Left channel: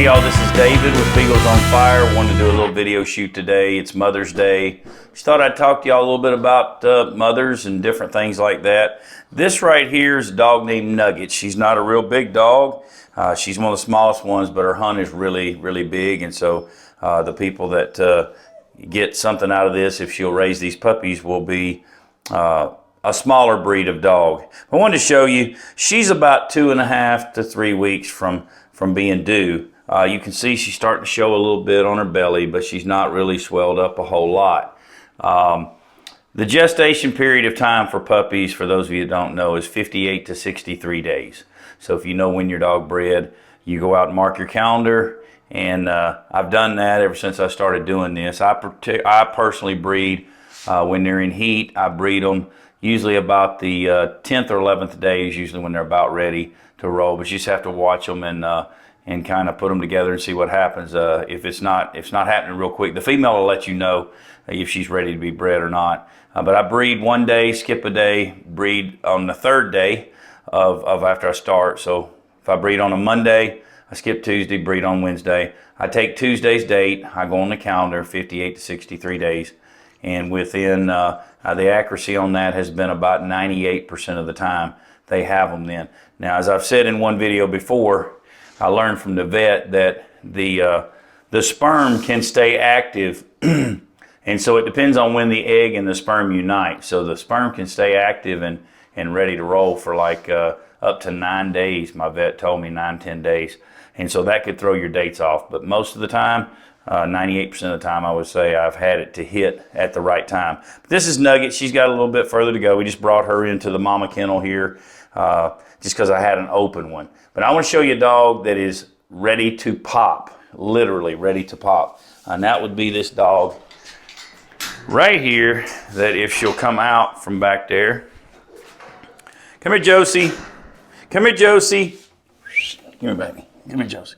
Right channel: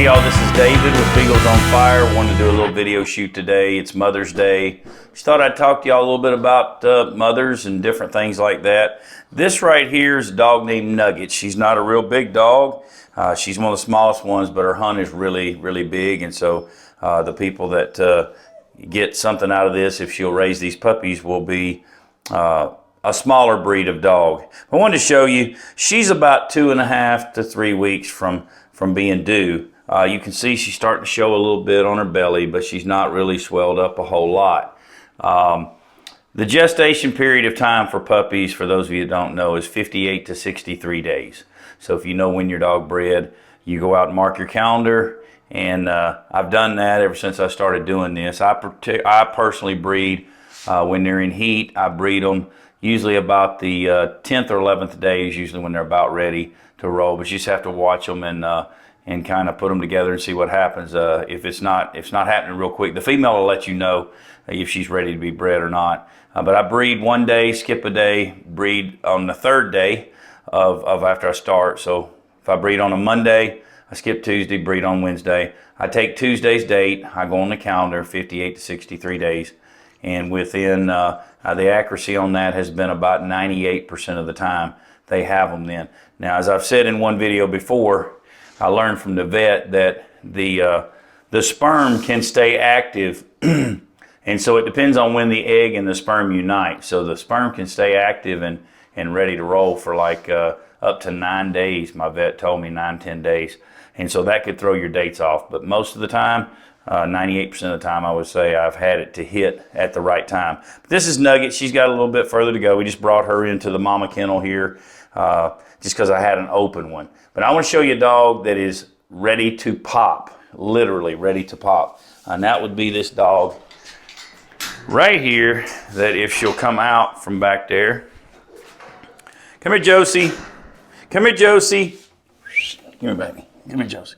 Hey y'all, this is David with Beagles on Fire. Wanted to do a little video shoot today. It's Mother's Day. Just thought I'd talk to y'all a little bit about mothers and different things like that. This right here is a dog named Nugget. She's not a real big dog. She's one of the smallest ones, but her hunt is really, really big. And so the people that get something out of this, if she'll raise these puppies, will be a smaller breed of dog. I wanted to show you, she's about 2.5 to 3 weeks from being due. You can see she's starting to show a little bit on her belly, but she's not really swelled up a whole lot. The gestation period of time for puppies, for those of you that don't know, is 58 to 63 days. So if you know when your dog bred, you go out and mark your calendar, and I've done that ever since I started doing this. I personally breed when they're in heat. I breed them usually about the 10th or 11th day is usually when they're about ready to roll, but you just have to watch them and kind of put them together and see what happens. If it's not happening real quick, the female will let you know if she's ready to be bred or not. But I breed one day, skip a day, breed on the third day of after I start. So if I breed on a Monday, I skip Tuesday, breed on Wednesday. I take Tuesday's date, I go on the calendar, 58 to 63 days. And within, the accuracy on that has been about 98% of the time they have them then. Now, as I've said in one video before, I learned from the vet that the sperm can stay active, and so it depends on when the egg and the sperm unite. So the sperm can stay active and ready to roll for like up to 9 days. My vet told me 9-10 days, and so that could throw your dates off. But most of the time, 98% of the time, I would say I've had it to hit at the right time. But this is Nugget. She's got a little bit further to go. We just brought her into the mama kennel here just because I had an open one. But I want to show you a dog that is ready to pop, literally ready to pop. And that would be this dog right here, that if she'll come out from back there. Come here, Josie. Come here, Josie. Come here, baby. Come here, Josie.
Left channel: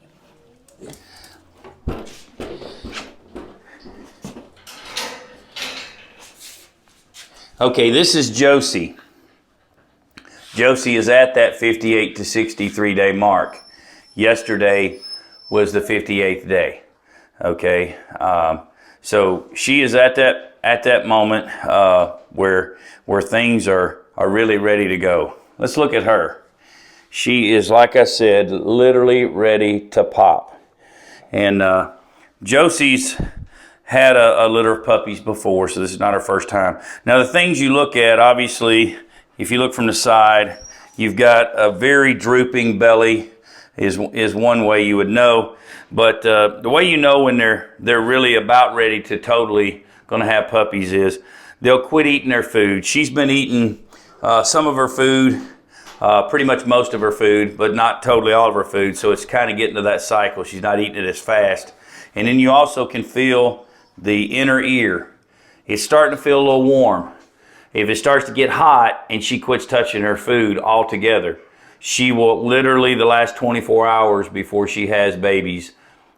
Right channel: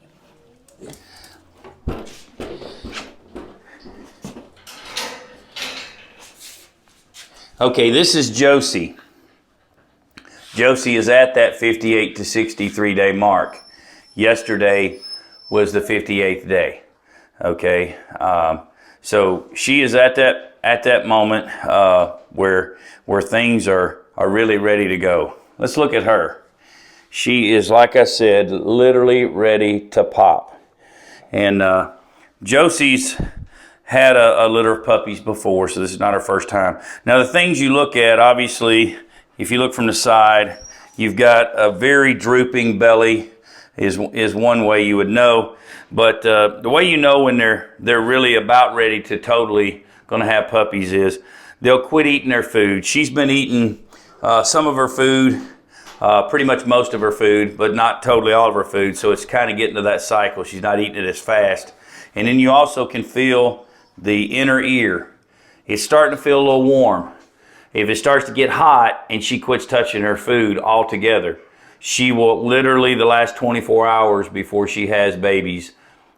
Okay, this is Josie. Josie is at that 58 to 63 day mark. Yesterday was the 58th day. Okay, so she is at that moment where things are really ready to go. Let's look at her. She is, like I said, literally ready to pop. And Josie's had a litter of puppies before, so this is not her first time. Now, the things you look at, obviously, if you look from the side, you've got a very drooping belly is one way you would know. But the way you know when they're really about ready to totally going to have puppies is they'll quit eating their food. She's been eating some of her food, pretty much most of her food, but not totally all of her food. So it's kind of getting to that cycle. She's not eating it as fast. And then you also can feel the inner ear. It's starting to feel a little warm. If it starts to get hot and she quits touching her food altogether, she will literally, the last 24 hours before she has babies,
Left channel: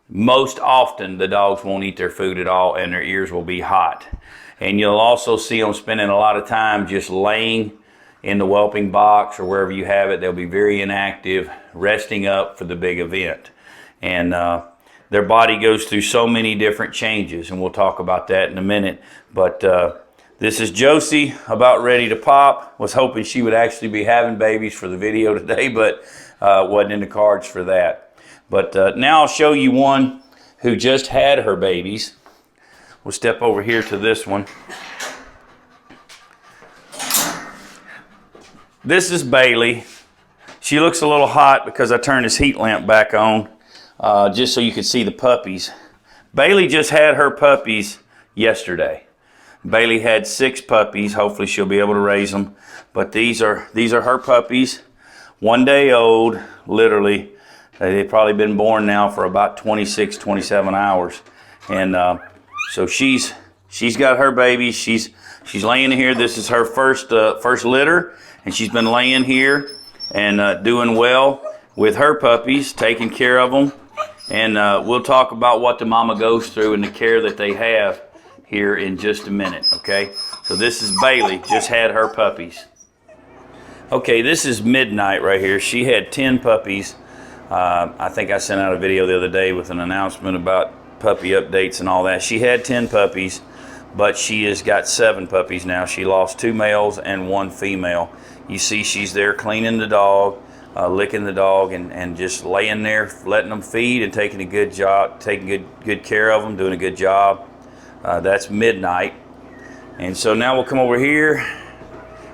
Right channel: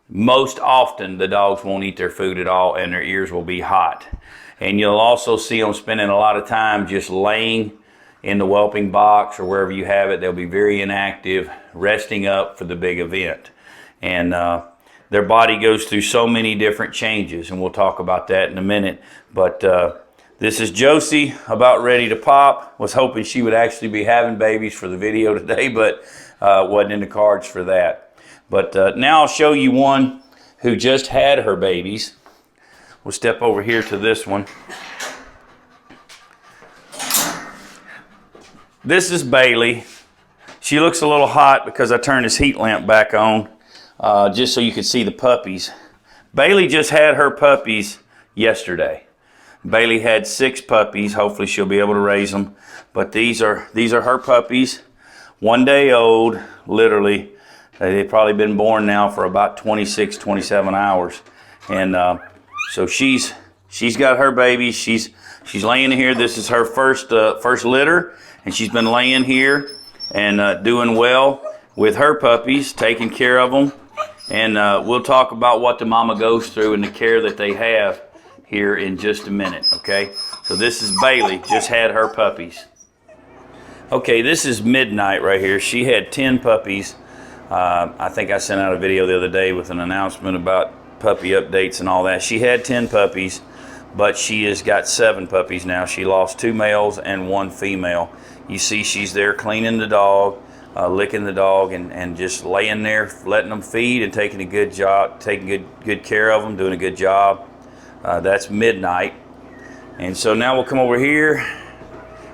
most often the dogs won't eat their food at all and their ears will be hot. And you'll also see them spending a lot of time just laying in the whelping box or wherever you have it. They'll be very inactive, resting up for the big event. And their body goes through so many different changes, and we'll talk about that in a minute. But this is Josie, about ready to pop. Was hoping she would actually be having babies for the video today, but wasn't in the cards for that. But now I'll show you one who just had her babies. We'll step over here to this one. This is Bailey. She looks a little hot because I turned this heat lamp back on just so you could see the puppies. Bailey just had her puppies yesterday. Bailey had 6 puppies. Hopefully she'll be able to raise them. But these are her puppies. 1 day old, literally. They've probably been born now for about 26, 27 hours. And so she's got her babies. She's laying here. This is her first litter. And she's been laying here and doing well with her puppies, taking care of them. And we'll talk about what the mama goes through and the care that they have here in just a minute, okay? So this is Bailey, just had her puppies. Okay, this is Midnight right here. She had 10 puppies I think I sent out a video the other day with an announcement about puppy updates and all that. She had 10 puppies, but she has got 7 puppies now. She lost 2 males and 1 female. You see she's there cleaning the dog, licking the dog, and just laying there, letting them feed and taking a good job, taking good care of them, doing a good job. That's midnight. And so now we'll come over here.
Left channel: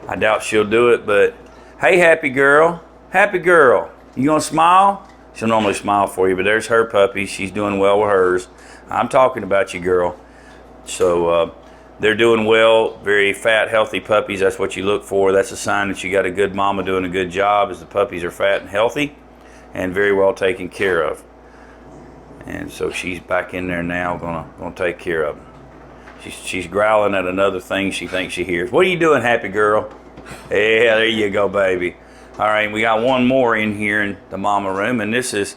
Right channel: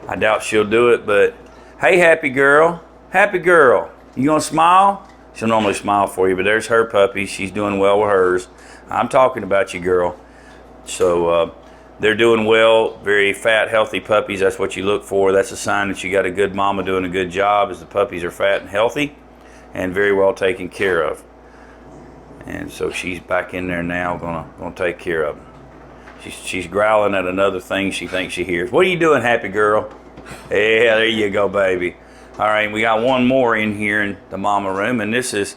I doubt she'll do it, but hey, happy girl. Happy girl. You gonna smile? She'll normally smile for you, but there's her puppy. She's doing well with hers. I'm talking about you, girl. So they're doing well. Very fat, healthy puppies. That's what you look for. That's a sign that you got a good mama doing a good job, as the puppies are fat and healthy and very well taken care of. And so she's back in there now, gonna take care of them. She's growling at another thing she thinks she hears. What are you doing, happy girl? Yeah, there you go, baby. All right, we got one more in here in the mama room, and this is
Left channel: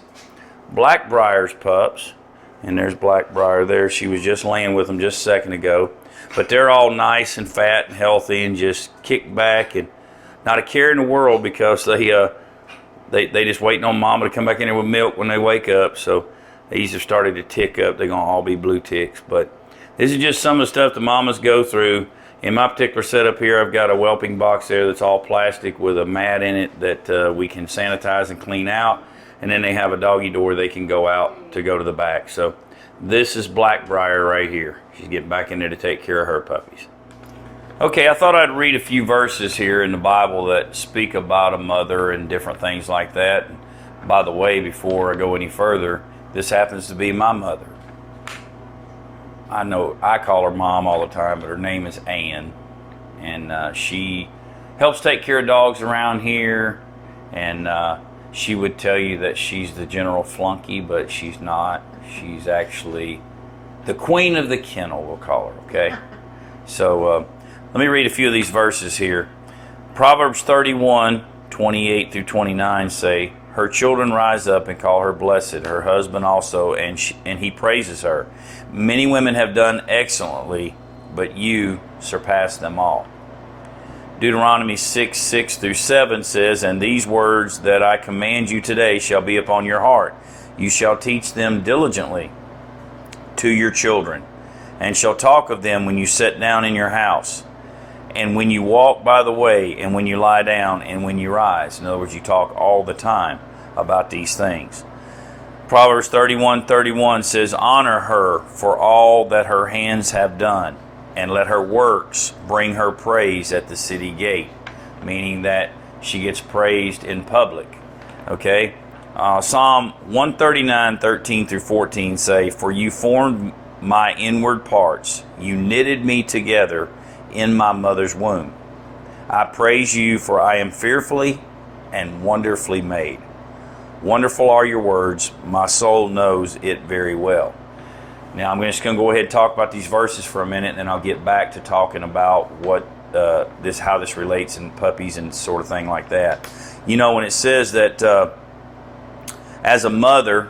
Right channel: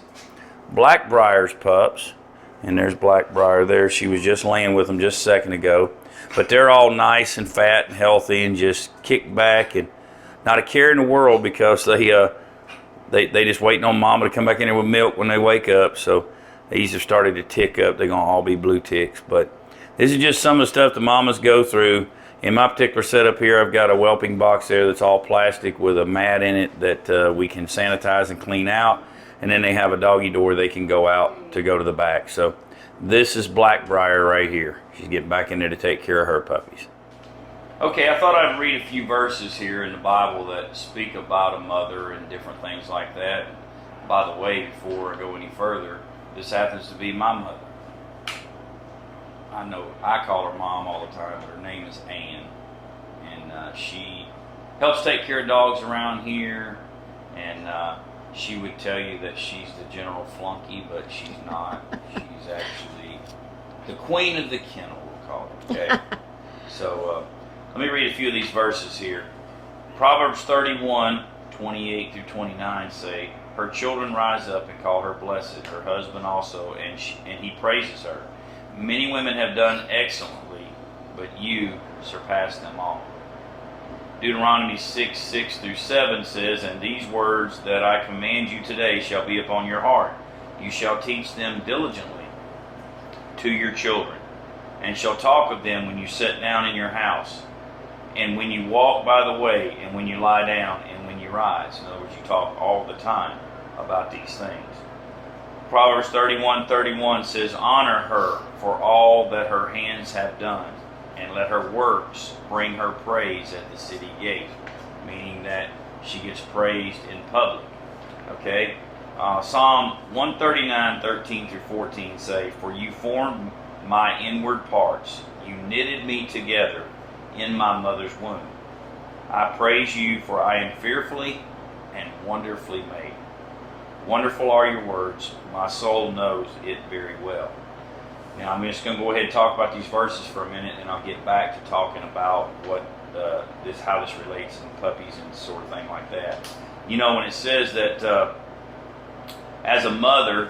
Blackbriar's pups. And there's Blackbriar there. She was just laying with them just a second ago. But they're all nice and fat and healthy and just kicked back and not a care in the world, because they just waiting on mama to come back in there with milk when they wake up. So these have started to tick up. They're going to all be blue ticks. But this is just some of the stuff the mamas go through. In my particular setup here, I've got a whelping box there that's all plastic with a mat in it that we can sanitize and clean out. And then they have a doggy door they can go out to go to the back. So this is Blackbriar right here. She's getting back in there to take care of her puppies. Okay, I thought I'd read a few verses here in the Bible that speak about a mother and different things like that. By the way, before I go any further, this happens to be my mother. I know I call her Mom all the time, but her name is Ann, and she helps take care of dogs around here, and she would tell you that she's the general flunky, but she's not. She's actually the queen of the kennel, we'll call her, okay? So let me read a few of these verses here. Proverbs 31:28 through 29 say, her children rise up and call her blessed, her husband also, and he praises her. Many women have done excellently, but you surpass them all. Deuteronomy 6:6 through 7 says, and these words that I command you today shall be upon your heart. You shall teach them diligently to your children, and shall talk of them when you sit down in your house, and when you walk by the way, and when you lie down, and when you rise. In other words, you talk all the time about these things. Proverbs 31:31 says, honor her for all that her hands have done, and let her works bring her praise at the city gate, meaning that she gets praised in public. Okay? Psalm 139:13 through 14 say, for you formed my inward parts, you knitted me together in my mother's womb. I praise you, for I am fearfully and wonderfully made. Wonderful are your words, my soul knows it very well. Now I'm just going to go ahead and talk about these verses for a minute, and then I'll get back to talking about what how this relates in puppies and sort of thing like that. You know, when it says that as a mother,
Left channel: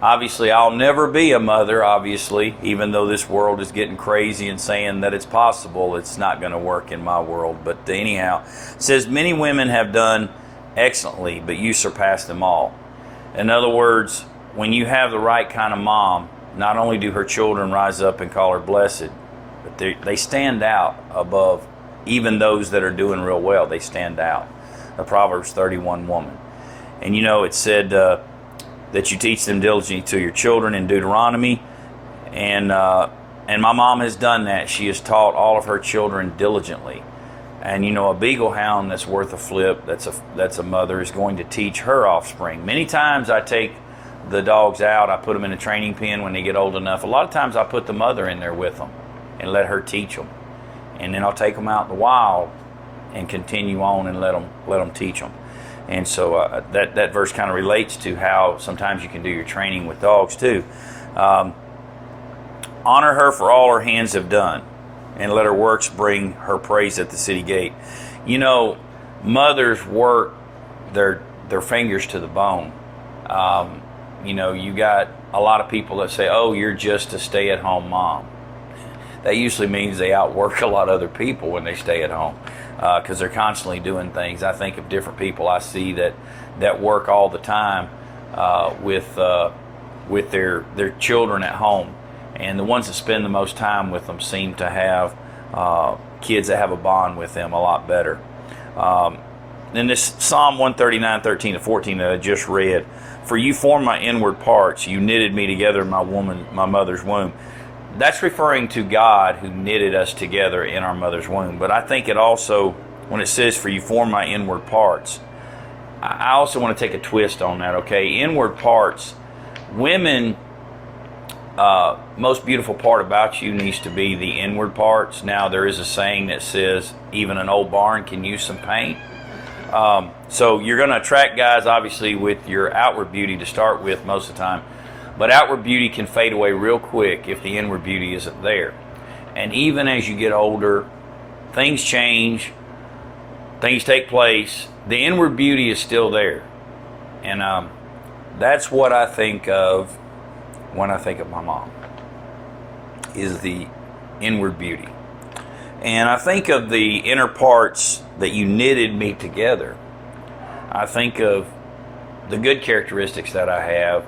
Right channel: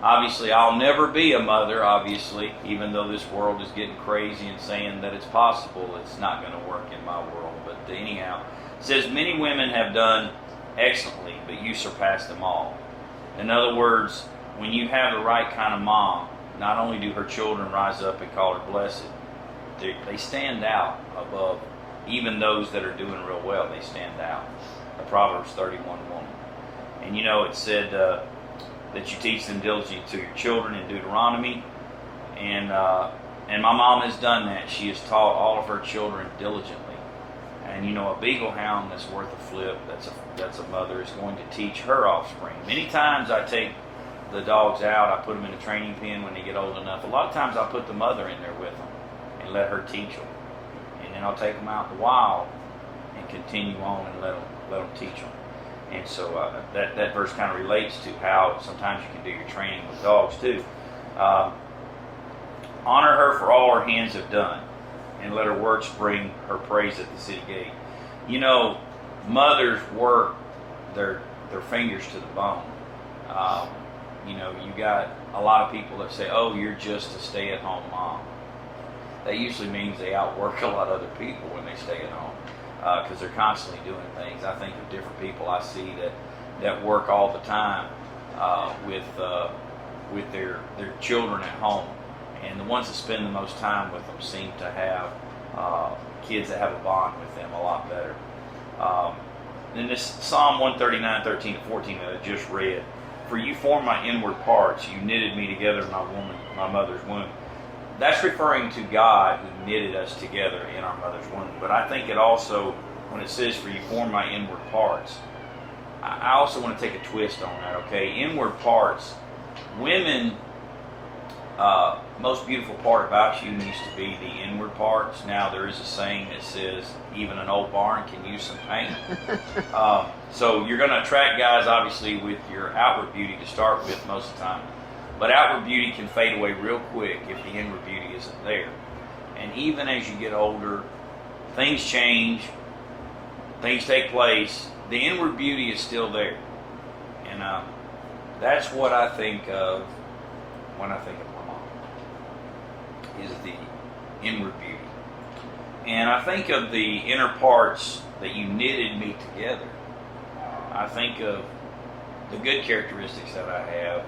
obviously I'll never be a mother, obviously, even though this world is getting crazy and saying that it's possible, it's not going to work in my world. But anyhow, it says many women have done excellently, but you surpass them all. In other words, when you have the right kind of mom, not only do her children rise up and call her blessed, but they stand out above even those that are doing real well. They stand out. A Proverbs 31 woman. And you know, it said that you teach them diligently to your children in Deuteronomy. And my mom has done that. She has taught all of her children diligently. And you know, a beagle hound that's worth a flip, that's a mother, is going to teach her offspring. Many times I take the dogs out, I put them in a training pen when they get old enough. A lot of times I put the mother in there with them and let her teach them. And then I'll take them out in the wild and continue on and let them teach them. And so that verse kind of relates to how sometimes you can do your training with dogs too. Honor her for all her hands have done, and let her works bring her praise at the city gate. You know, mothers work their fingers to the bone. You know, you got a lot of people that say, oh, you're just a stay-at-home mom. That usually means they outwork a lot of other people when they stay at home, because they're constantly doing things. I think of different people I see that work all the time, with their children at home, and the ones that spend the most time with them seem to have kids that have a bond with them a lot better. In this Psalm 139:13-14 that I just read, "For you formed my inward parts, you knitted me together in my mother's womb." That's referring to God who knitted us together in our mother's womb. But I think it also, when it says, "For you formed my inward parts," I also want to take a twist on that, okay? Inward parts. Women, most beautiful part about you needs to be the inward parts. Now, there is a saying that says, even an old barn can use some paint. So you're going to attract guys, obviously, with your outward beauty to start with most of the time. But outward beauty can fade away real quick if the inward beauty isn't there. And even as you get older, things change, things take place. The inward beauty is still there. And that's what I think of when I think of my mom, is the inward beauty. And I think of the inner parts that you knitted me together. I think of the good characteristics that I have,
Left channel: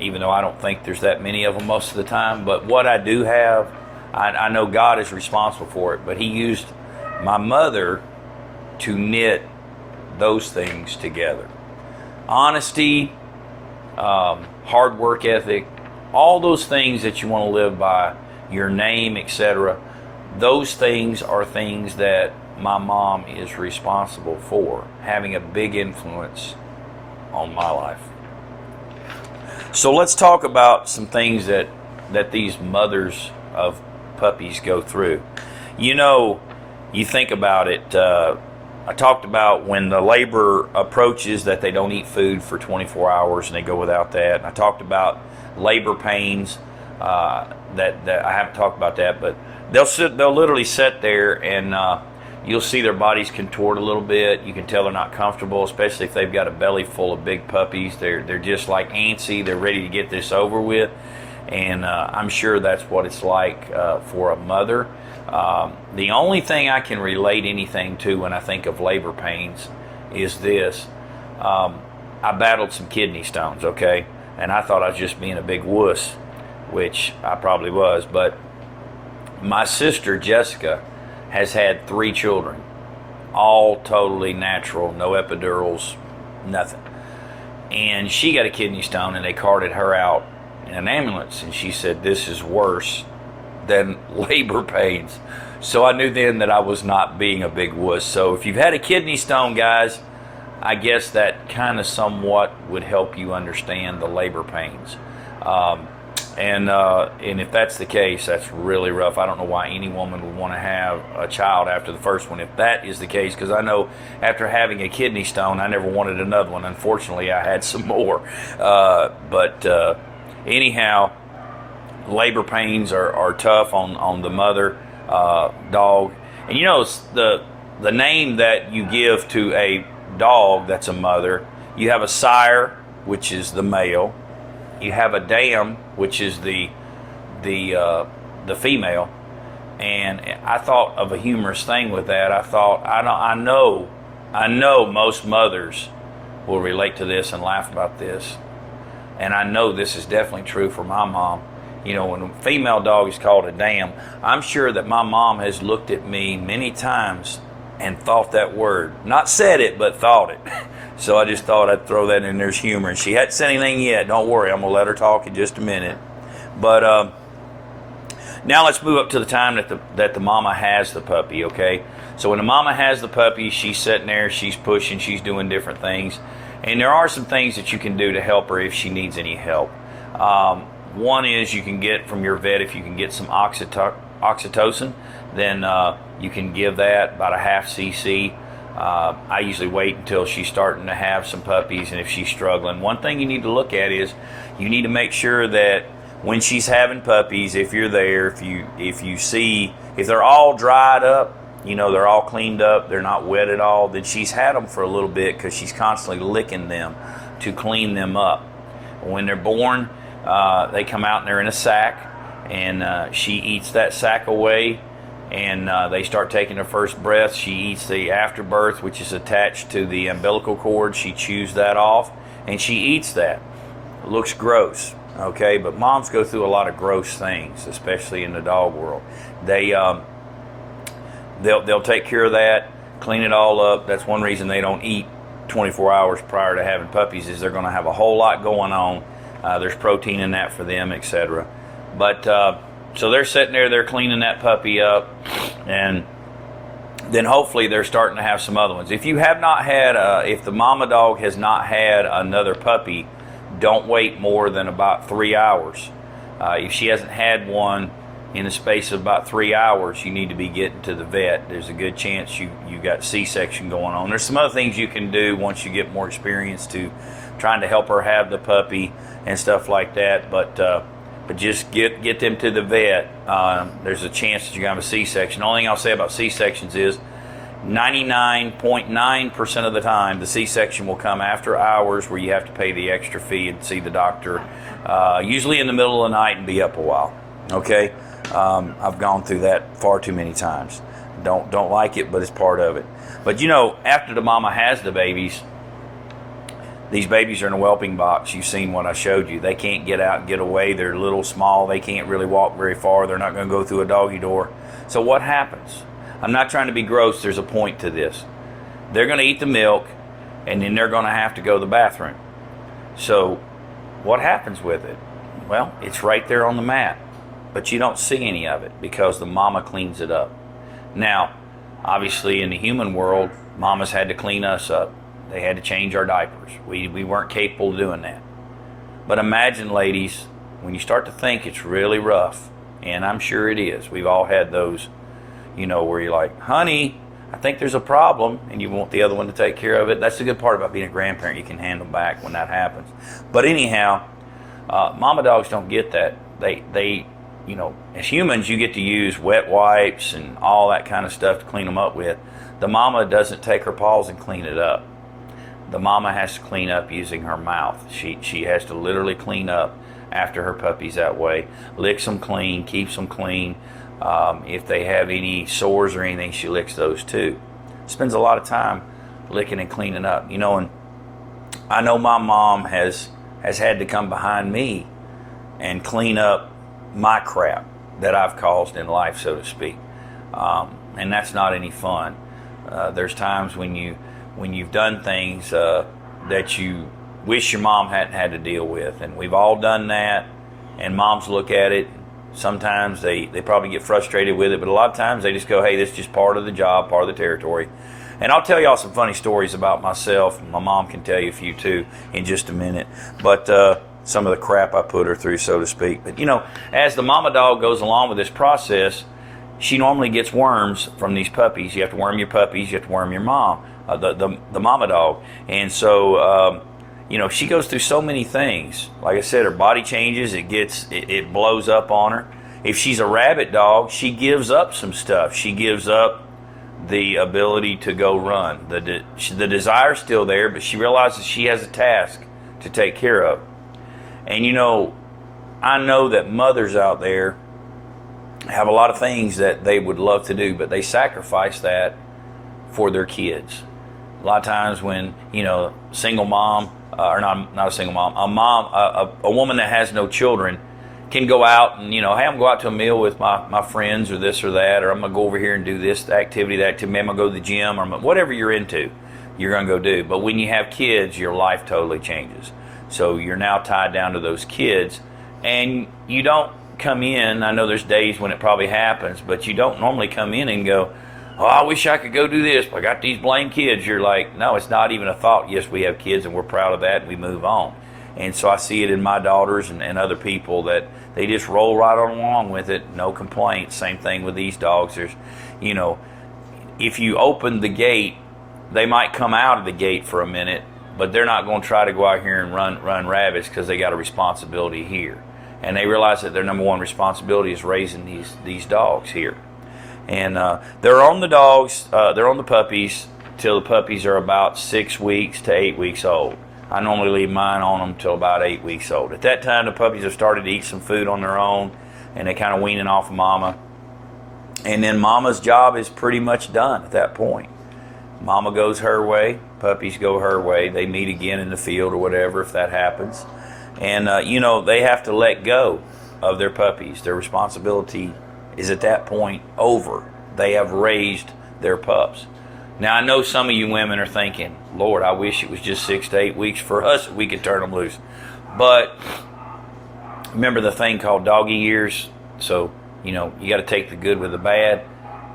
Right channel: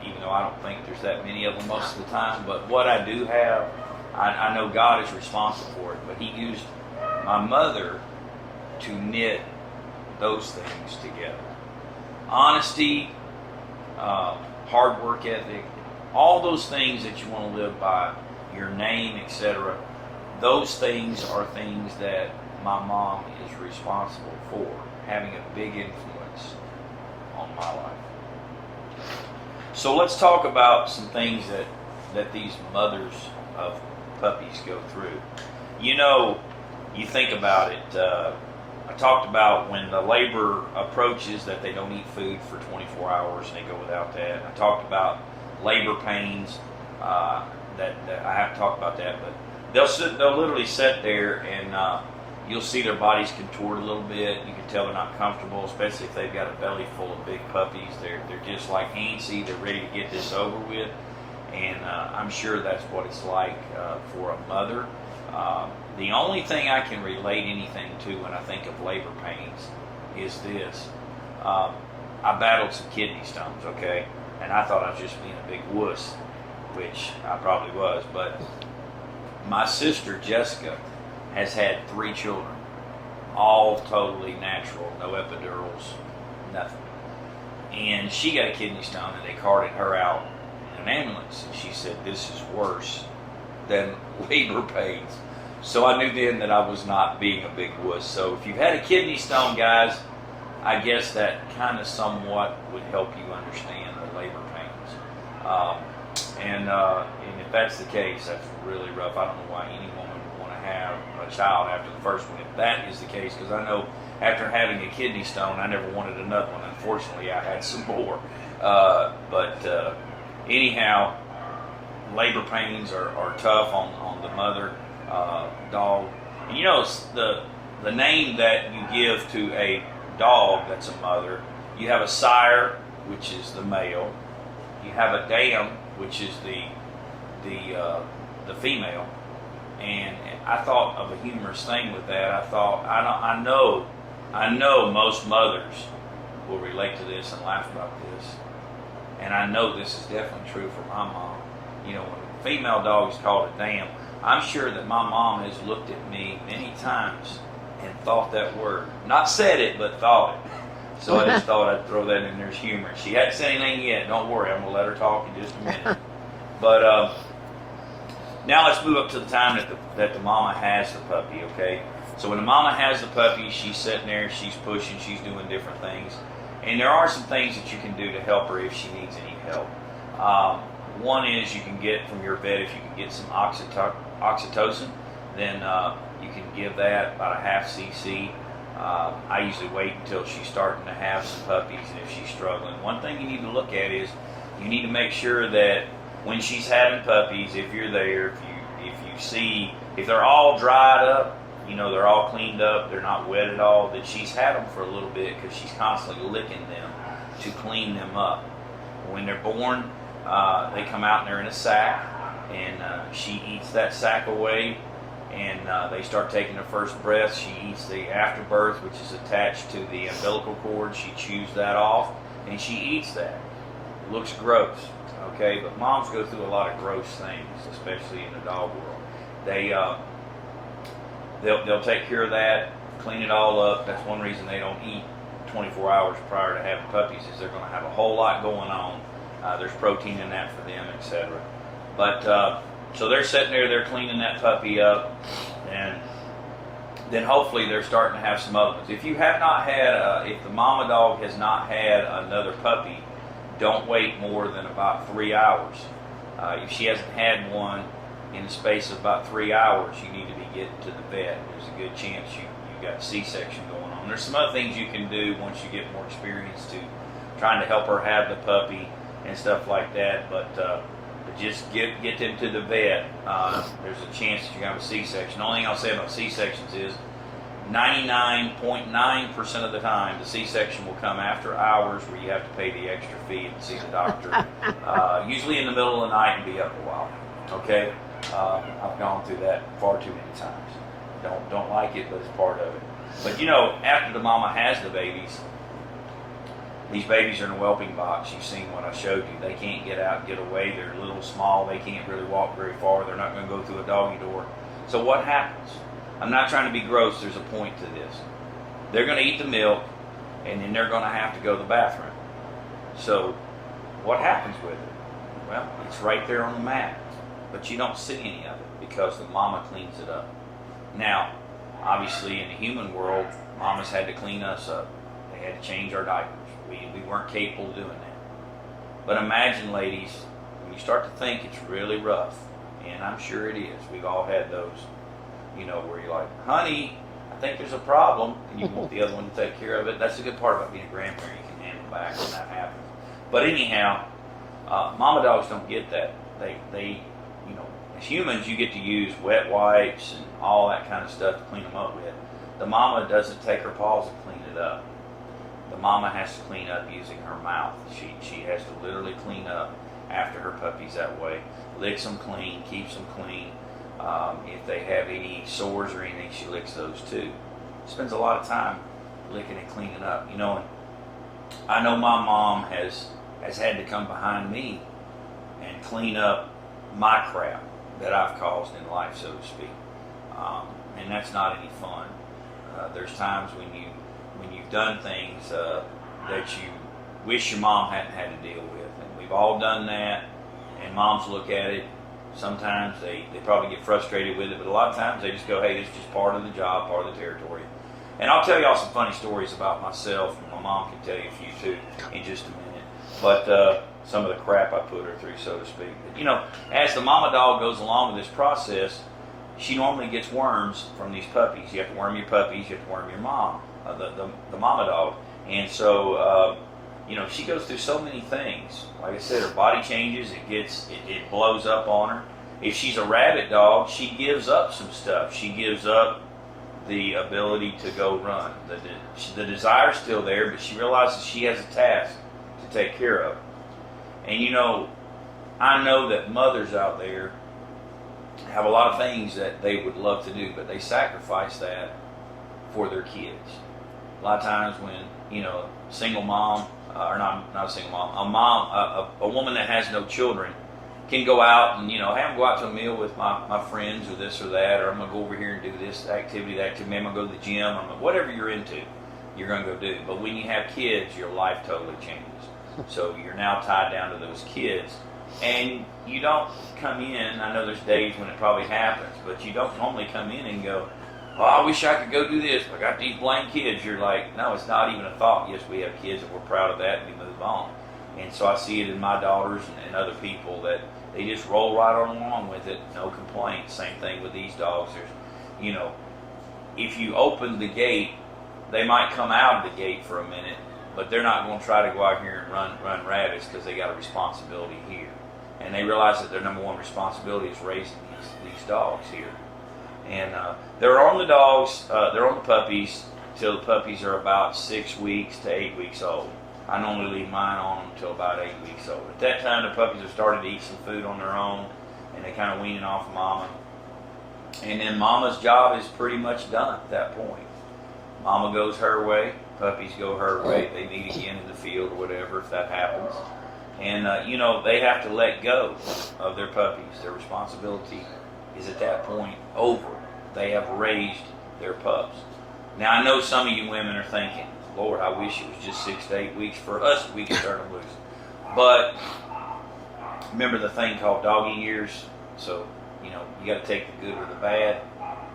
even though I don't think there's that many of them most of the time. But what I do have, I know God is responsible for it, but He used my mother to knit those things together. Honesty, hard work ethic, all those things that you want to live by, your name, etc. Those things are things that my mom is responsible for, having a big influence on my life. So let's talk about some things that these mothers of puppies go through. You know, you think about it, I talked about when the labor approaches that they don't eat food for 24 hours and they go without that. I talked about labor pains, that I haven't talked about that, but they'll literally sit there and you'll see their bodies contort a little bit. You can tell they're not comfortable, especially if they've got a belly full of big puppies. They're just like antsy. They're ready to get this over with, and I'm sure that's what it's like for a mother. The only thing I can relate anything to when I think of labor pains is this. I battled some kidney stones, okay? And I thought I was just being a big wuss, which I probably was. But my sister, Jessica, has had 3 children, all totally natural, no epidurals, nothing. And she got a kidney stone, and they carted her out in an ambulance. And she said, "This is worse than labor pains." So I knew then that I was not being a big wuss. So if you've had a kidney stone, guys, I guess that kind of somewhat would help you understand the labor pains. And if that's the case, that's really rough. I don't know why any woman would want to have a child after the first one, if that is the case, because I know after having a kidney stone, I never wanted another one. Unfortunately, I had some more. Anyhow, labor pains are tough on the mother dog. And you know, the name that you give to a dog that's a mother, you have a sire, which is the male. You have a dam, which is the female. And I thought of a humorous thing with that. I thought, I know most mothers will relate to this and laugh about this. And I know this is definitely true for my mom. You know, when a female dog is called a dam, I'm sure that my mom has looked at me many times and thought that word. Not said it, but thought it. So I just thought I'd throw that in there's humor. And she hadn't said anything yet. Don't worry, I'm going to let her talk in just a minute. But now let's move up to the time that the mama has the puppy, okay? So when the mama has the puppy, she's sitting there, she's pushing, she's doing different things. And there are some things that you can do to help her if she needs any help. One is you can get from your vet, if you can get some oxytocin, then you can give that about a half cc. I usually wait until she's starting to have some puppies, and if she's struggling. One thing you need to look at is you need to make sure that when she's having puppies, if you're there, if you see, if they're all dried up, you know, they're all cleaned up, they're not wet at all, then she's had them for a little bit because she's constantly licking them to clean them up. When they're born, they come out and they're in a sack, and she eats that sack away, and they start taking their first breath. She eats the afterbirth, which is attached to the umbilical cord. She chews that off, and she eats that. It looks gross, okay? But moms go through a lot of gross things, especially in the dog world. They'll take care of that, clean it all up. That's one reason they don't eat 24 hours prior to having puppies, is they're going to have a whole lot going on. There's protein in that for them, etc. But so they're sitting there, they're cleaning that puppy up, and then hopefully they're starting to have some other ones. If you have not had, if the mama dog has not had another puppy, don't wait more than about 3 hours. If she hasn't had one in the space of about 3 hours, you need to be getting to the vet. There's a good chance you got C-section going on. There's some other things you can do once you get more experience to trying to help her have the puppy and stuff like that. But just get them to the vet. There's a chance that you're going to have a C-section. The only thing I'll say about C-sections is 99.9% of the time the C-section will come after hours where you have to pay the extra fee and see the doctor, usually in the middle of the night, and be up a while. Okay? I've gone through that far too many times. Don't like it, but it's part of it. But after the mama has the babies, these babies are in a whelping box. You've seen what I showed you. They can't get out and get away. They're little, small. They can't really walk very far. They're not going to go through a doggy door. So what happens? I'm not trying to be gross. There's a point to this. They're going to eat the milk, and then they're going to have to go to the bathroom. So what happens with it? Well, it's right there on the mat, but you don't see any of it because the mama cleans it up. Now, obviously in the human world, mamas had to clean us up. They had to change our diapers. We weren't capable of doing that. But imagine, ladies, when you start to think it's really rough, and I'm sure it is. We've all had those, where you're like, honey, I think there's a problem, and you want the other one to take care of it. That's the good part about being a grandparent. You can handle back when that happens. But anyhow, mama dogs don't get that. They as humans, you get to use wet wipes and all that kind of stuff to clean them up with. The mama doesn't take her paws and clean it up. The mama has to clean up using her mouth. She has to literally clean up after her puppies that way. Licks them clean, keeps them clean. If they have any sores or anything, she licks those too. Spends a lot of time licking and cleaning up. And I know my mom has had to come behind me and clean up my crap that I've caused in life, so to speak. And that's not any fun. There's times when you've done things that you wish your mom hadn't had to deal with, and we've all done that. And moms look at it. Sometimes they probably get frustrated with it, but a lot of times they just go, hey, this is just part of the job, part of the territory. And I'll tell y'all some funny stories about myself, and my mom can tell you a few too in just a minute. But some of the crap I put her through, so to speak. But as the mama dog goes along with this process, she normally gets worms from these puppies. You have to worm your puppies, you have to worm your mom, the mama dog. And so she goes through so many things. Like I said, her body changes, it blows up on her. If she's a rabbit dog, she gives up some stuff. She gives up the ability to go run. The desire's still there, but she realizes she has a task to take care of. And I know that mothers out there have a lot of things that they would love to do, but they sacrifice that for their kids. A lot of times when, single mom, or not a single mom, a woman that has no children can go out and, hey, I'm going to go out to a meal with my friends or this or that, or I'm going to go over here and do this activity, that activity, I'm going to go to the gym, or whatever you're into, you're going to go do. But when you have kids, your life totally changes. So you're now tied down to those kids, and you don't come in. I know there's days when it probably happens, but you don't normally come in and go, oh, I wish I could go do this, but I got these blame kids. You're like, no, it's not even a thought. Yes, we have kids, and we're proud of that, and we move on. And so I see it in my daughters and other people that they just roll right on along with it, no complaints. Same thing with these dogs. There's, if you open the gate, they might come out of the gate for a minute, but they're not going to try to go out here and run rabbits because they got a responsibility here. And they realize that their number one responsibility is raising these dogs here. And they're on the dogs, they're on the puppies till the puppies are about 6 weeks to 8 weeks old. I normally leave mine on them till about 8 weeks old. At that time, the puppies have started to eat some food on their own, and they're kind of weaning off of mama. And then mama's job is pretty much done at that point. Mama goes her way, puppies go her way. They meet again in the field or whatever if that happens. And, they have to let go of their puppies. Their responsibility is at that point over. They have raised their pups. Now, I know some of you women are thinking, Lord, I wish it was just 6 to 8 weeks for us. We could turn them loose. But remember the thing called doggy years? So, you got to take the good with the bad.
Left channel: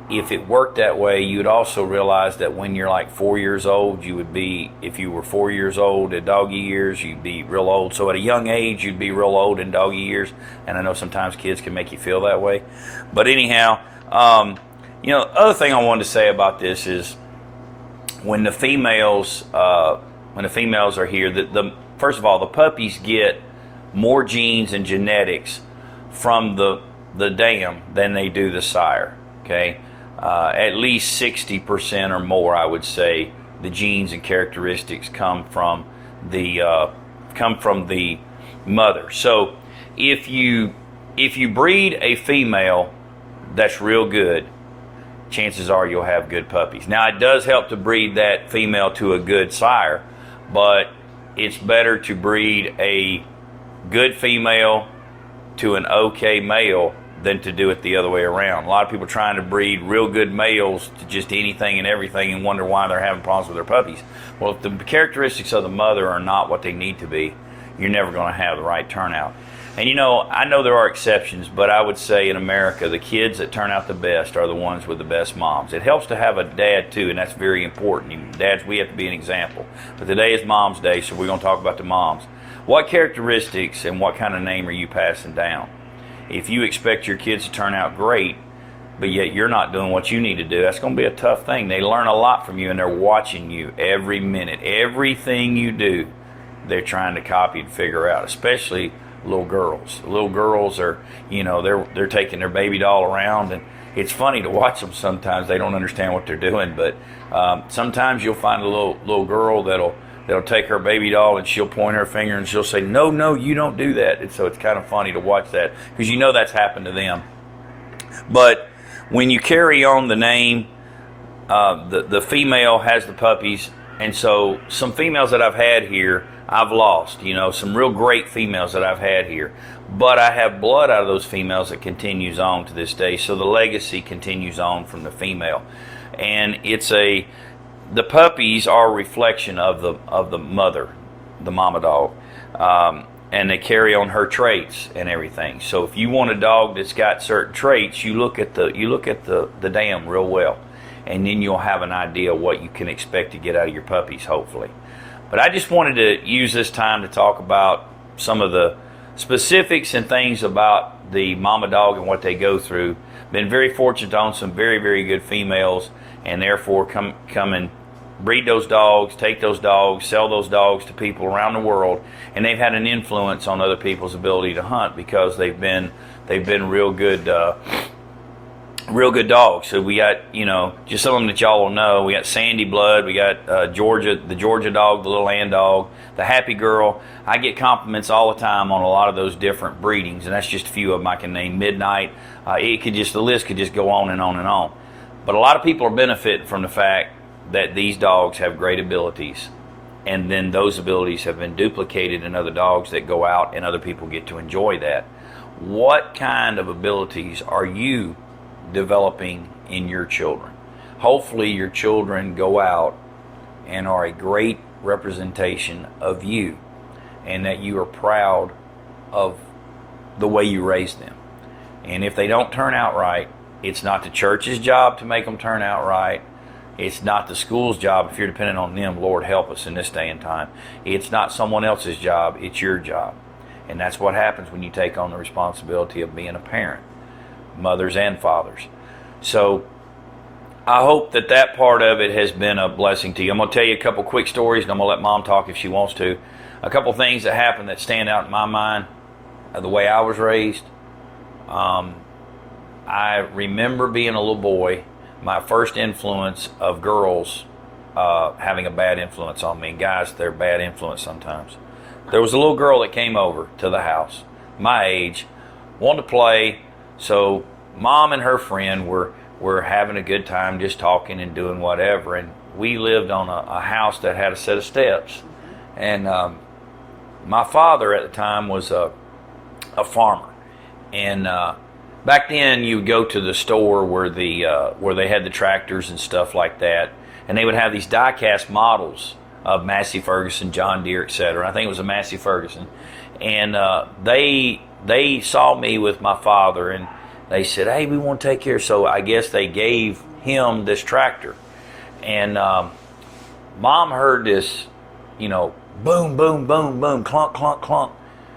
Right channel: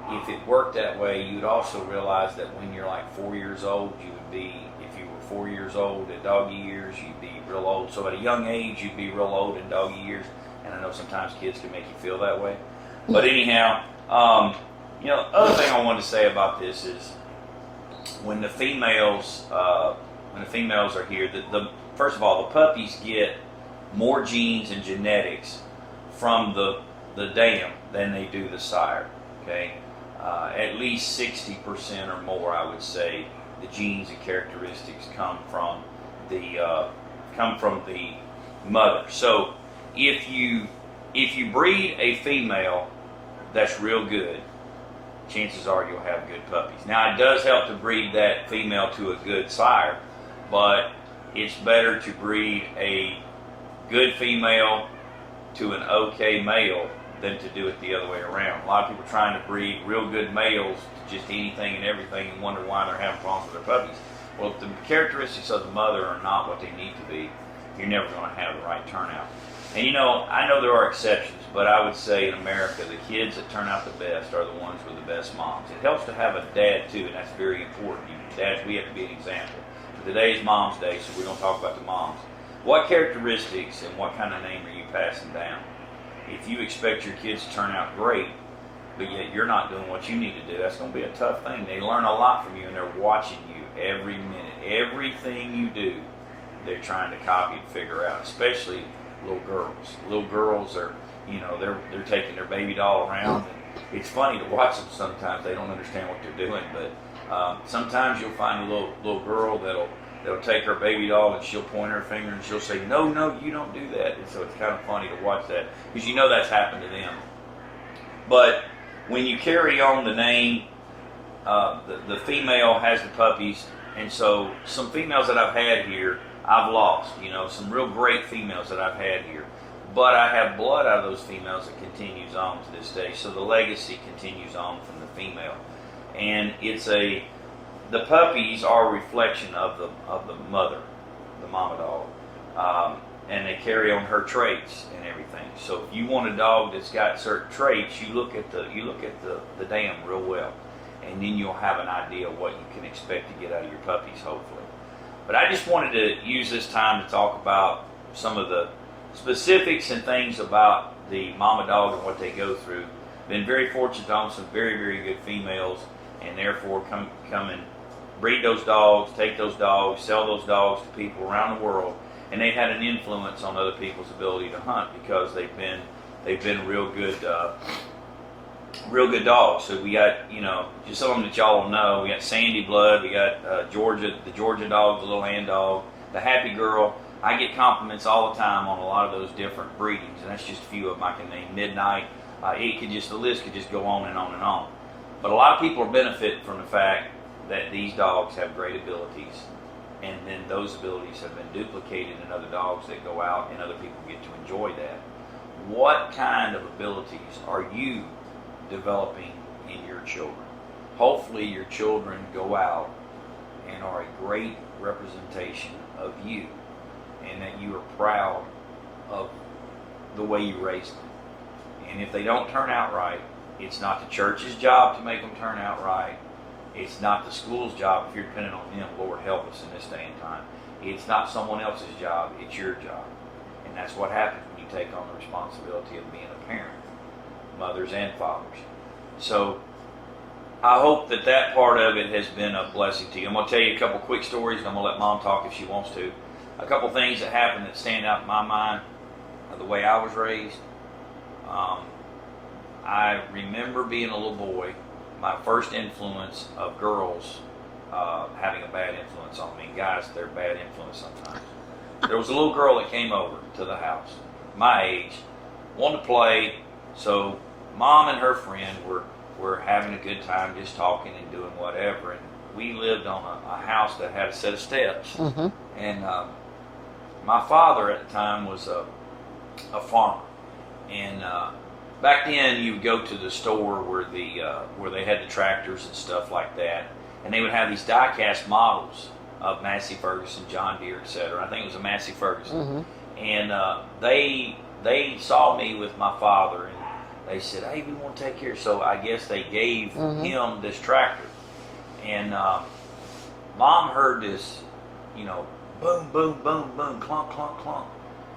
If it worked that way, you'd also realize that when you're like 4 years old, if you were 4 years old at doggy years, you'd be real old. So at a young age, you'd be real old in doggy years. And I know sometimes kids can make you feel that way. But anyhow, other thing I wanted to say about this is when the females are here, first of all, the puppies get more genes and genetics from the dam than they do the sire. Okay, at least 60% or more, I would say, the genes and characteristics come from the mother. So if you breed a female that's real good, chances are you'll have good puppies. Now, it does help to breed that female to a good sire, but it's better to breed a good female to an okay male than to do it the other way around. A lot of people trying to breed real good males to just anything and everything and wonder why they're having problems with their puppies. Well, if the characteristics of the mother are not what they need to be, you're never going to have the right turnout. And I know there are exceptions, but I would say in America, the kids that turn out the best are the ones with the best moms. It helps to have a dad too, and that's very important. Dads, we have to be an example. But today is Mom's Day, so we're going to talk about the moms. What characteristics and what kind of name are you passing down? If you expect your kids to turn out great, but yet you're not doing what you need to do, that's going to be a tough thing. They learn a lot from you, and they're watching you every minute. Everything you do, they're trying to copy and figure out, especially little girls. Little girls are, they're taking their baby doll around, and it's funny to watch them sometimes. They don't understand what they're doing, but sometimes you'll find a little girl that'll take her baby doll and she'll point her finger and she'll say, no, you don't do that. And so it's kind of funny to watch that because that's happened to them. But when you carry on the name, the female has the puppies, and so some females that I've had here, I've lost, some real great females that I've had here. But I have blood out of those females that continues on to this day. So the legacy continues on from the female. And the puppies are a reflection of the mother, the mama dog. And they carry on her traits and everything. So if you want a dog that's got certain traits, you look at the dam real well. And then you'll have an idea what you can expect to get out of your puppies, hopefully. But I just wanted to use this time to talk about some of the specifics and things about the mama dog and what they go through. Been very fortunate to own some very, very good females, and therefore come and breed those dogs, take those dogs, sell those dogs to people around the world, and they've had an influence on other people's ability to hunt because they've been real good dogs. So we got, just some of them that y'all will know. We got Sandy Blood, we got the Georgia dog, the Little Ann dog, the Happy Girl. I get compliments all the time on a lot of those different breedings, and that's just a few of them I can name. Midnight, the list could just go on and on and on. But a lot of people are benefiting from the fact that these dogs have great abilities, and then those abilities have been duplicated in other dogs that go out, and other people get to enjoy that. What kind of abilities are you developing in your children? Hopefully your children go out and are a great representation of you, and that you are proud of the way you raised them. And if they don't turn out right, it's not the church's job to make them turn out right. It's not the school's job if you're dependent on them. Lord help us in this day and time. It's not someone else's job. It's your job. And that's what happens when you take on the responsibility of being a parent, mothers and fathers. So I hope that part of it has been a blessing to you. I'm going to tell you a couple quick stories, and I'm going to let Mom talk if she wants to. A couple things that happened that stand out in my mind of the way I was raised. I remember being a little boy, my first influence of girls having a bad influence on me. Guys, they're a bad influence sometimes. There was a little girl that came over to the house, my age, wanted to play, so Mom and her friend were having a good time just talking and doing whatever, and we lived on a house that had a set of steps. And my father at the time was a farmer. And back then you would go to the store where they had the tractors and stuff like that. And they would have these die-cast models of Massey Ferguson, John Deere, etc. I think it was a Massey Ferguson. And they saw me with my father, and they said, hey, we want to take care. So I guess they gave him this tractor. And Mom heard this, you know, boom, boom, boom, boom, clunk, clunk, clunk,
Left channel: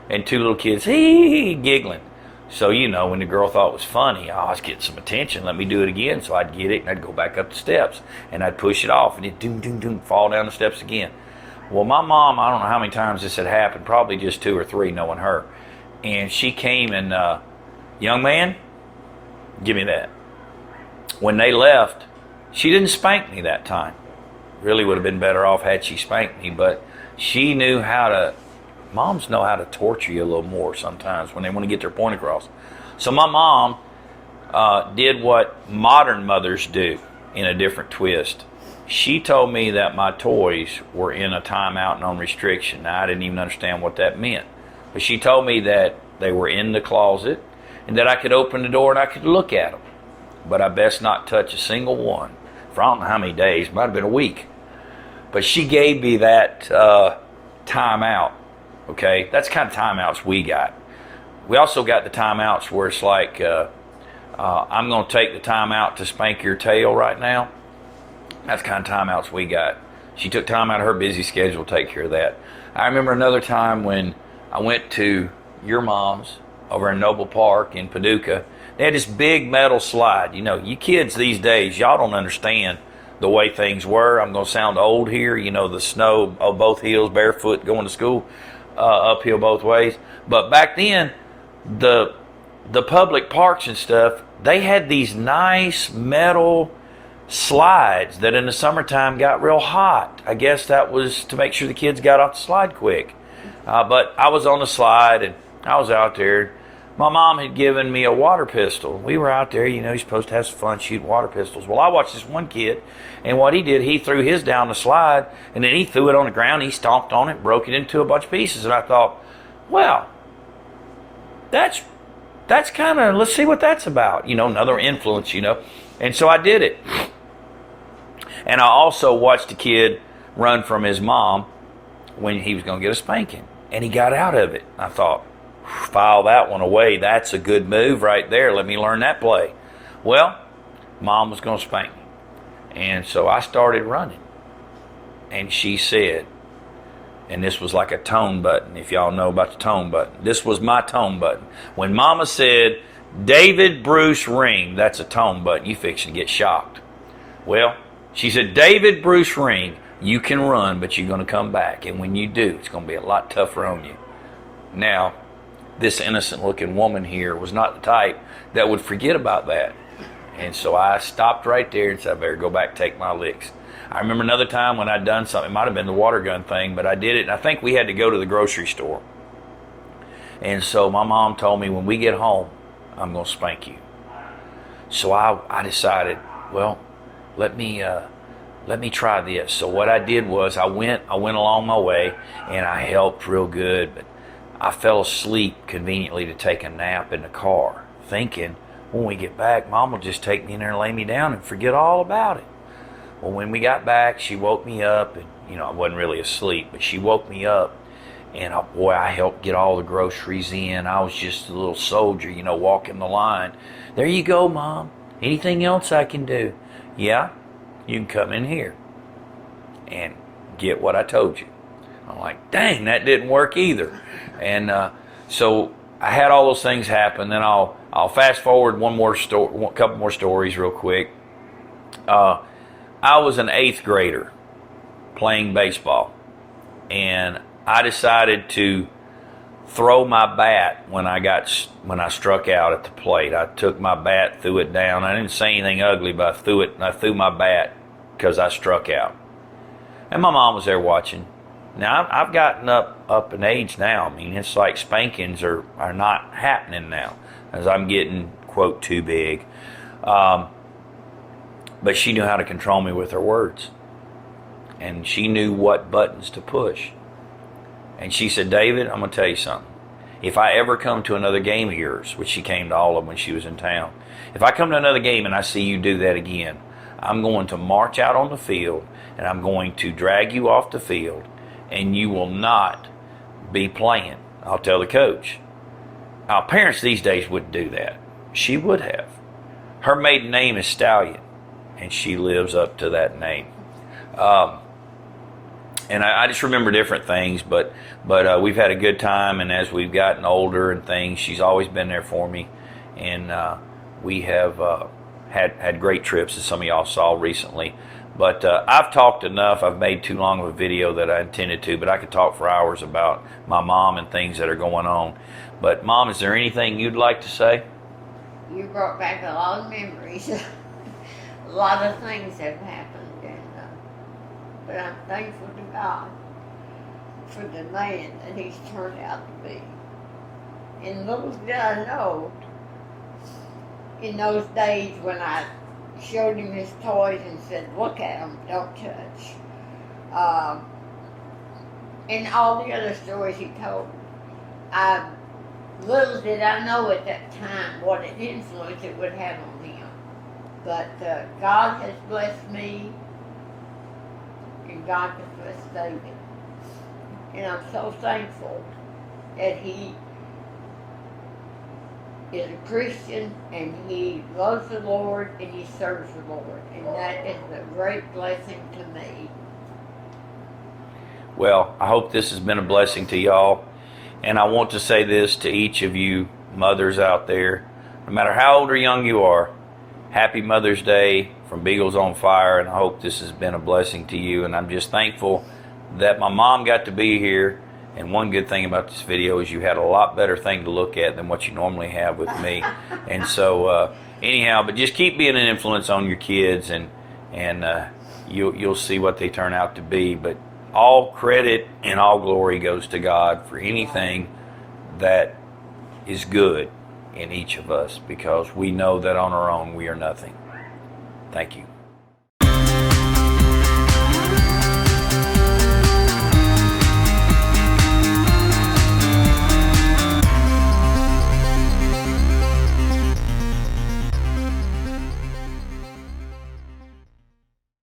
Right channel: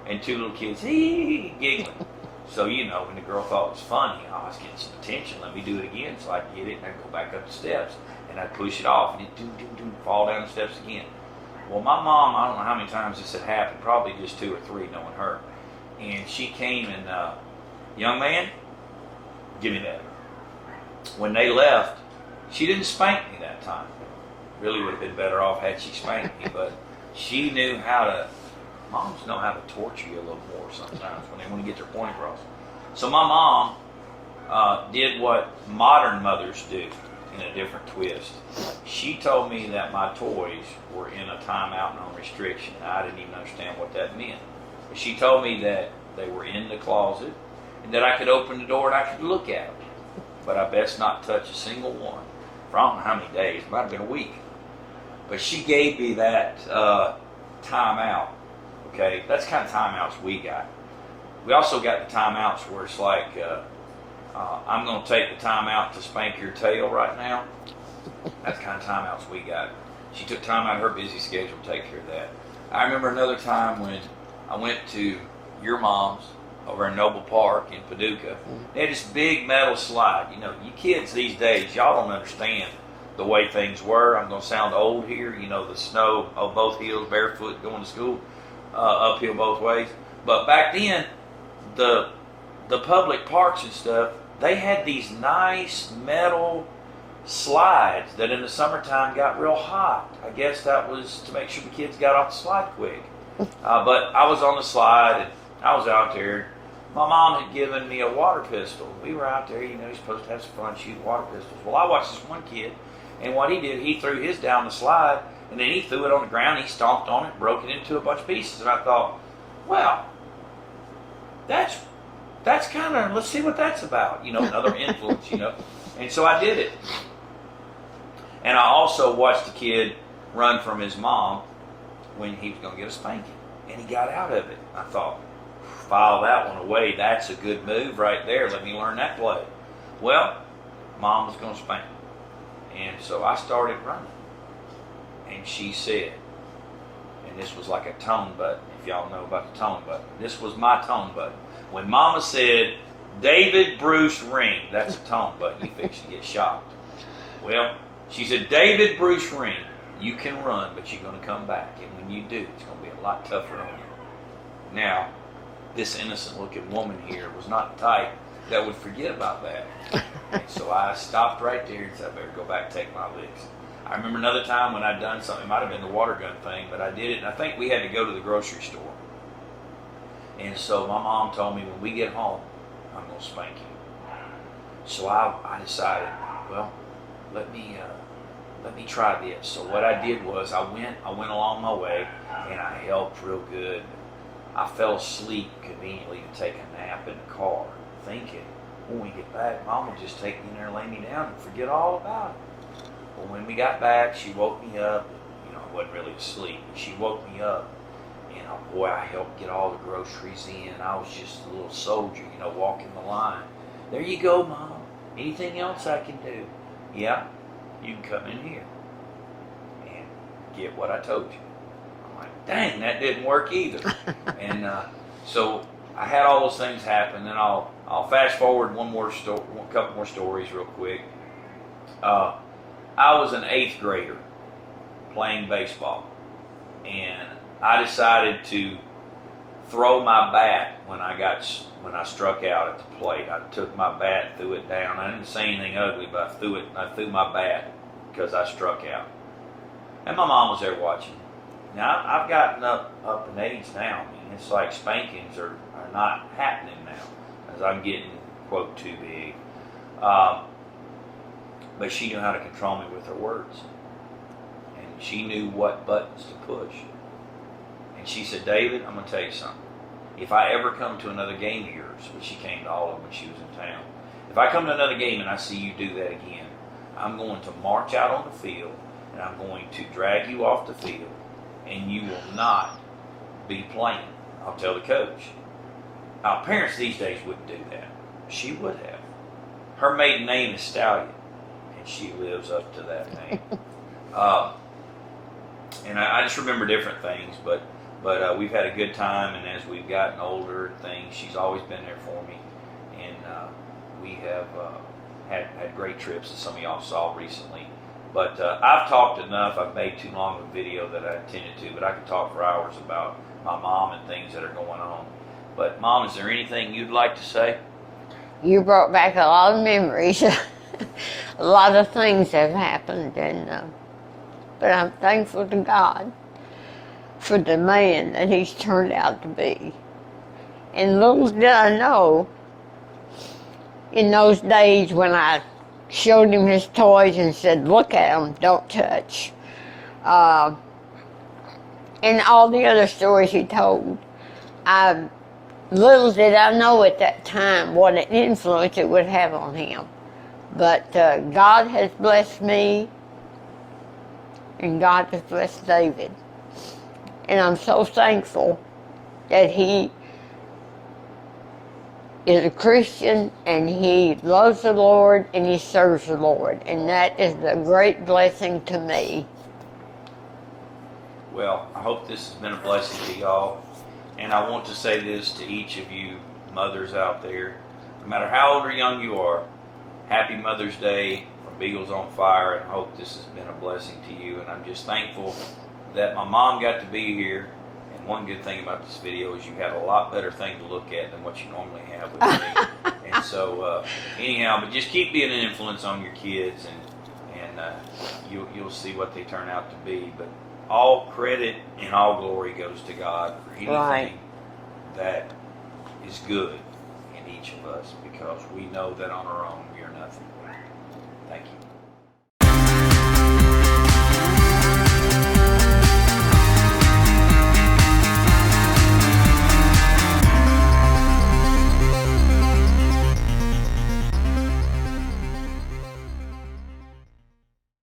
and two little kids, hee, giggling. So, you know, when the girl thought it was funny, I was getting some attention, let me do it again. So I'd get it, and I'd go back up the steps, and I'd push it off, and it'd doom, doom, doom, fall down the steps again. Well, my mom, I don't know how many times this had happened, probably just 2 or 3, knowing her. And she came and, young man, give me that. When they left, she didn't spank me that time. Really would have been better off had she spanked me, but she knew how to, moms know how to torture you a little more sometimes when they want to get their point across. So my mom did what modern mothers do in a different twist. She told me that my toys were in a timeout and on restriction. Now, I didn't even understand what that meant. But she told me that they were in the closet and that I could open the door and I could look at them. But I best not touch a single one. For I don't know how many days, might have been a week. But she gave me that timeout. Okay, that's the kind of timeouts we got. We also got the timeouts where it's like, I'm going to take the time out to spank your tail right now. That's the kind of timeouts we got. She took time out of her busy schedule to take care of that. I remember another time when I went to your mom's over in Noble Park in Paducah. They had this big metal slide. You know, you kids these days, y'all don't understand the way things were. I'm going to sound old here. You know, the snow on both hills, barefoot, going to school, uphill both ways. But back then, the public parks and stuff, they had these nice metal slides that in the summertime got real hot. I guess that was to make sure the kids got off the slide quick. But I was on the slide and I was out there. My mom had given me a water pistol. We were out there, you know, you're supposed to have some fun shooting water pistols. Well, I watched this one kid, and what he did, he threw his down the slide, and then he threw it on the ground, he stomped on it, broke it into a bunch of pieces. And I thought, well, that's kind of, let's see what that's about. You know, another influence, you know. And so I did it. And I also watched the kid run from his mom when he was going to get a spanking. And he got out of it. I thought, file that one away. That's a good move right there. Let me learn that play. Well, Mom was going to spank me. And so I started running. And she said, and this was like a tone button, if y'all know about the tone button. This was my tone button. When Mama said, David Bruce Ring, that's a tone button. You fixing to get shocked. Well, she said, David Bruce Ring, you can run, but you're going to come back. And when you do, it's going to be a lot tougher on you. Now, this innocent-looking woman here was not the type that would forget about that. And so I stopped right there and said, I better go back and take my licks. I remember another time when I'd done something, it might have been the water gun thing, but I did it, and I think we had to go to the grocery store. And so my mom told me, when we get home, I'm going to spank you. So I decided, well, let me try this. So what I did was I went along my way, and I helped real good, but I fell asleep conveniently to take a nap in the car, thinking, when we get back, Mom will just take me in there and lay me down and forget all about it. Well, when we got back, she woke me up, and, you know, I wasn't really asleep, but she woke me up, and I helped get all the groceries in. I was just a little soldier, you know, walking the line. There you go, Mom. Anything else I can do? Yeah, you can come in here and get what I told you. I'm like, dang, that didn't work either. And so I had all those things happen. Then I'll fast forward a couple more stories real quick. I was an 8th grader playing baseball, and I decided to throw my bat when I struck out at the plate. I took my bat, threw it down. I didn't say anything ugly, but I threw my bat because I struck out. And my mom was there watching. Now, I've gotten up in age now. I mean, it's like spankings are not happening now, as I'm getting, quote, too big. But she knew how to control me with her words. and she knew what buttons to push. And she said, David, I'm going to tell you something. If I ever come to another game of yours, which she came to all of them when she was in town, if I come to another game and I see you do that again, I'm going to march out on the field and I'm going to drag you off the field and you will not be playing. I'll tell the coach. Parents these days wouldn't do that. She would have. Her maiden name is Stallion, and she lives up to that name. And I just remember different things, but we've had a good time, and as we've gotten older and things, she's always been there for me, and we have had great trips, as some of y'all saw recently. But I've talked enough. I've made too long of a video that I intended to, but I could talk for hours about my mom and things that are going on. But Mom, is there anything you'd like to say? You brought back a lot of memories. A lot of things have happened, but I'm thankful to God for the man that he's turned out to be. And little did I know, in those days when I showed him his toys and said, look at them, don't touch. And all the other stories he told, little did I know at that time what an influence it would have on him. But God has blessed me, and God has blessed David. And I'm so thankful that he is a Christian, and he loves the Lord, and he serves the Lord. And that is a great blessing to me. Well, I hope this has been a blessing to y'all. And I want to say this to each of you mothers out there. No matter how old or young you are, happy Mother's Day from Beagles on Fire, and I hope this has been a blessing to you. And I'm just thankful that my mom got to be here. And one good thing about this video is you had a lot better thing to look at than what you normally have with me. And so anyhow, but just keep being an influence on your kids, and you'll see what they turn out to be. But all credit and all glory goes to God for anything that is good in each of us, because we know that on our own we are nothing. Thank you.